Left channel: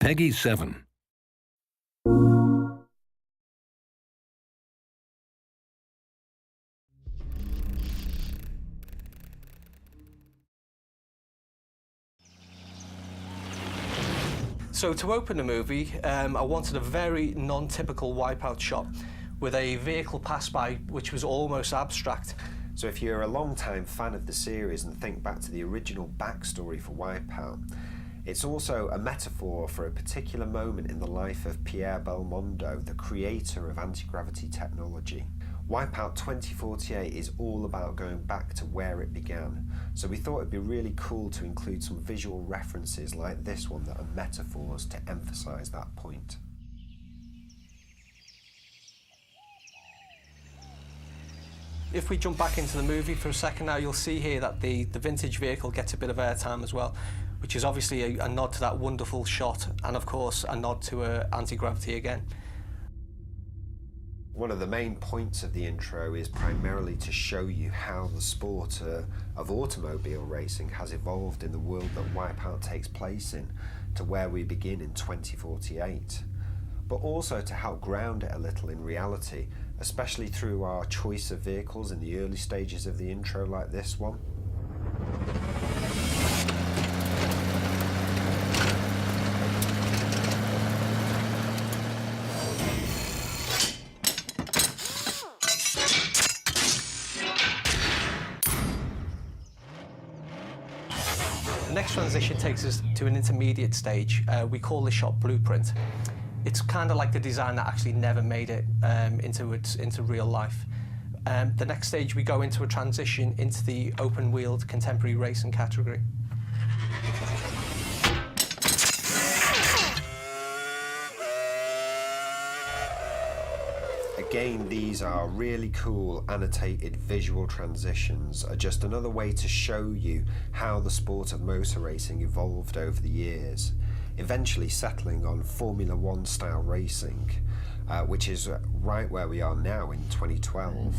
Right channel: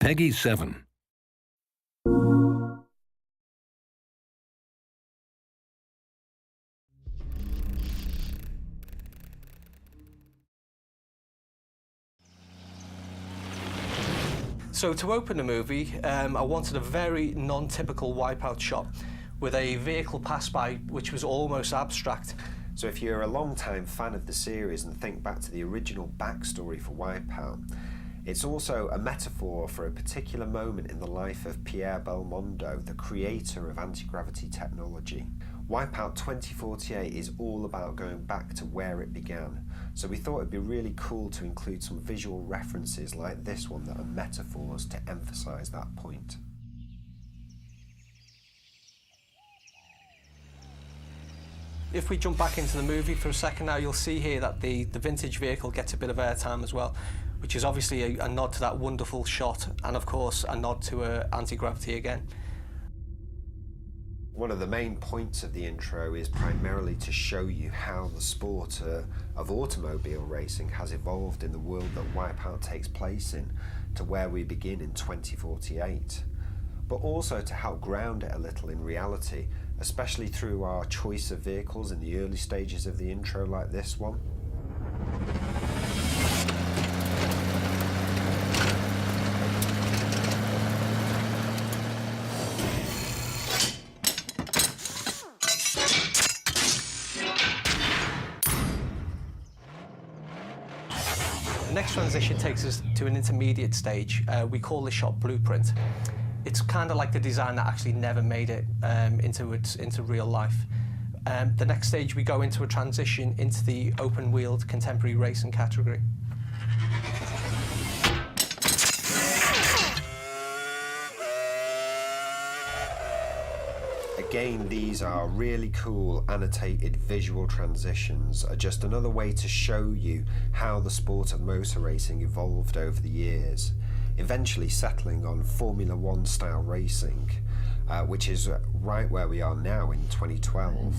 Peggy 7. So to open the movie, I wanted a very non-typical Wipeout shot with a vehicle pass by which was almost abstract. So if you're a long-time fan of the series and think back to the original backstory for Wipeout, it's also a metaphor for a particular moment in the life of Pierre Belmondo, the creator of anti-gravity technology. Wipeout 2048 is all about going back to where it began, so we thought it'd be really cool to include some visual references like this one that are metaphors to emphasise that point. If we jump back into the movie for a second now, you'll see here that the vintage vehicle gets a bit of airtime as well, which is obviously a nod to that wonderful shot, and of course a nod to anti-gravity again. One of the main points of the intro is primarily to show you how the sport of automobile racing has evolved in the world that Wipeout takes place in, to where we begin in 2048. But also to help ground it a little in reality, especially through our choice of vehicles in the early stages of the intro like this one. The next transition takes us to an intermediate stage. We call this shot Blueprint. It's kind of like the design that actually never made it into real life. The next stage we go into a transition into the open-wheeled contemporary racing category. Again, these are really cool annotated visual transitions, are just another way to show you how the sport of motor racing evolved over the years, eventually settling on Formula One style racing, which is right where we are now in 2012.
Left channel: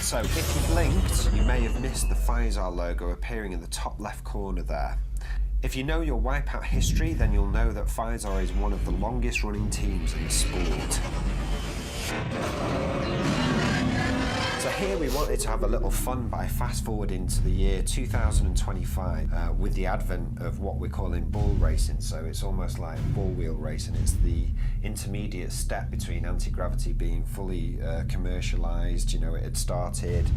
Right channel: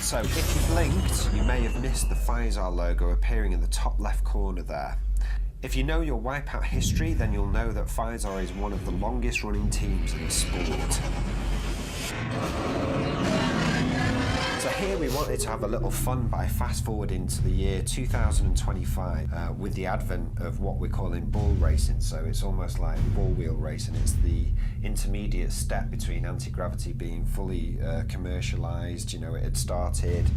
So if you blinked, you may have missed the Pfizer logo appearing in the top left corner there. If you know your Wipeout history, then you'll know that Pfizer is one of the longest running teams in the sport. So here we wanted to have a little fun by fast forwarding to the year 2025 with the advent of what we're calling bull racing. So it's almost like bull wheel racing. It's the intermediate step between anti-gravity being fully commercialised. You know, it had started,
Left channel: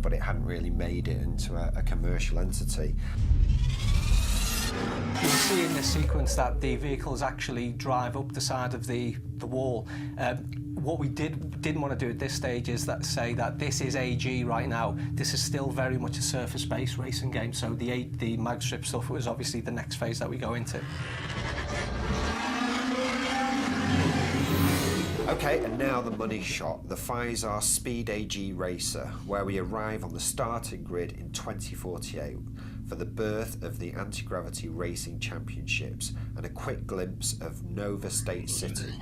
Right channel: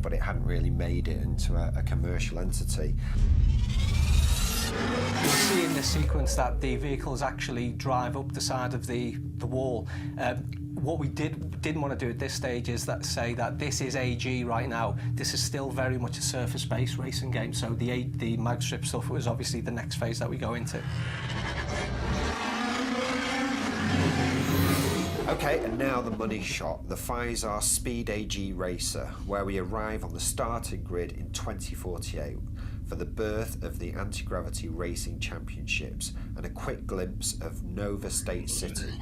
but it hadn't really made it into a commercial entity. You'll see in this sequence that the vehicles actually drive up the side of the wall. What we didn't want to do at this stage is say that this is AG right now. This is still very much a surface-based racing game, so the mag strip stuff was obviously the next phase that we go into. Okay, and now the money shot, the Pfizer Speed AG Racer, where we arrive on the starting grid in 2048 for the birth of the Anti-Gravity Racing Championships and a quick glimpse of Nova State City.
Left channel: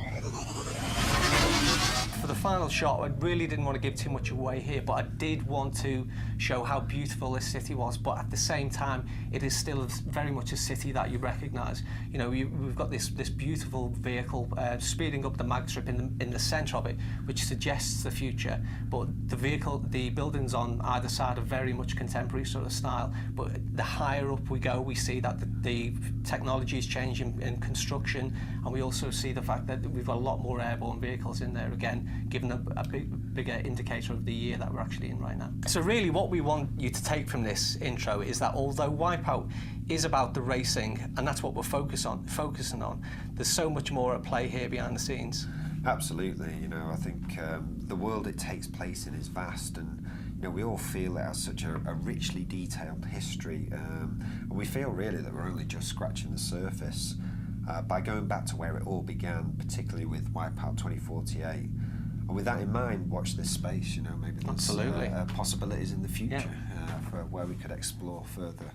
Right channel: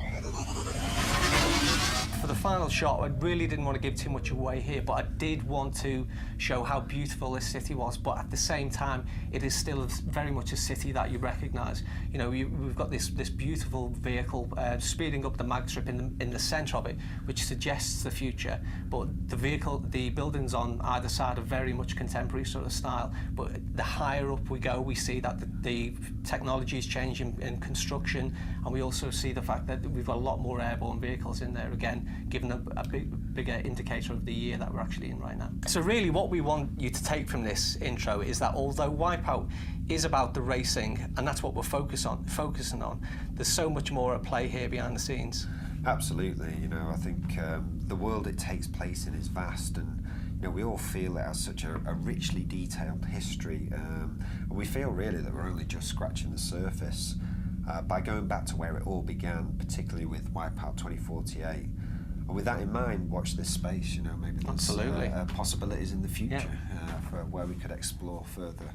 For the final shot, I really didn't want to give too much away here, but I did want to show how beautiful this city was, but at the same time, it is still very much a city that you recognise. You know, we've got this beautiful vehicle speeding up the mag strip in the centre of it, which suggests the future, but the buildings on either side are very much contemporary sort of style, but the higher up we go, we see that the technology is changing in construction, and we also see the fact that we've got a lot more airborne vehicles in there, again, giving a bigger indicator of the year that we're actually in right now. So really what we want you to take from this intro is that although Wipeout is about the racing, and that's what we're focusing on, there's so much more at play here behind the scenes. Absolutely, you know, I think the world it takes place in is vast, and you know, we all feel it has such a richly detailed history, and we feel really that we're only just scratching the surface by going back to where it all began, particularly with Wipeout 2048. And with that in mind, watch this space, you know, maybe there's possibilities in the future for where we could explore further.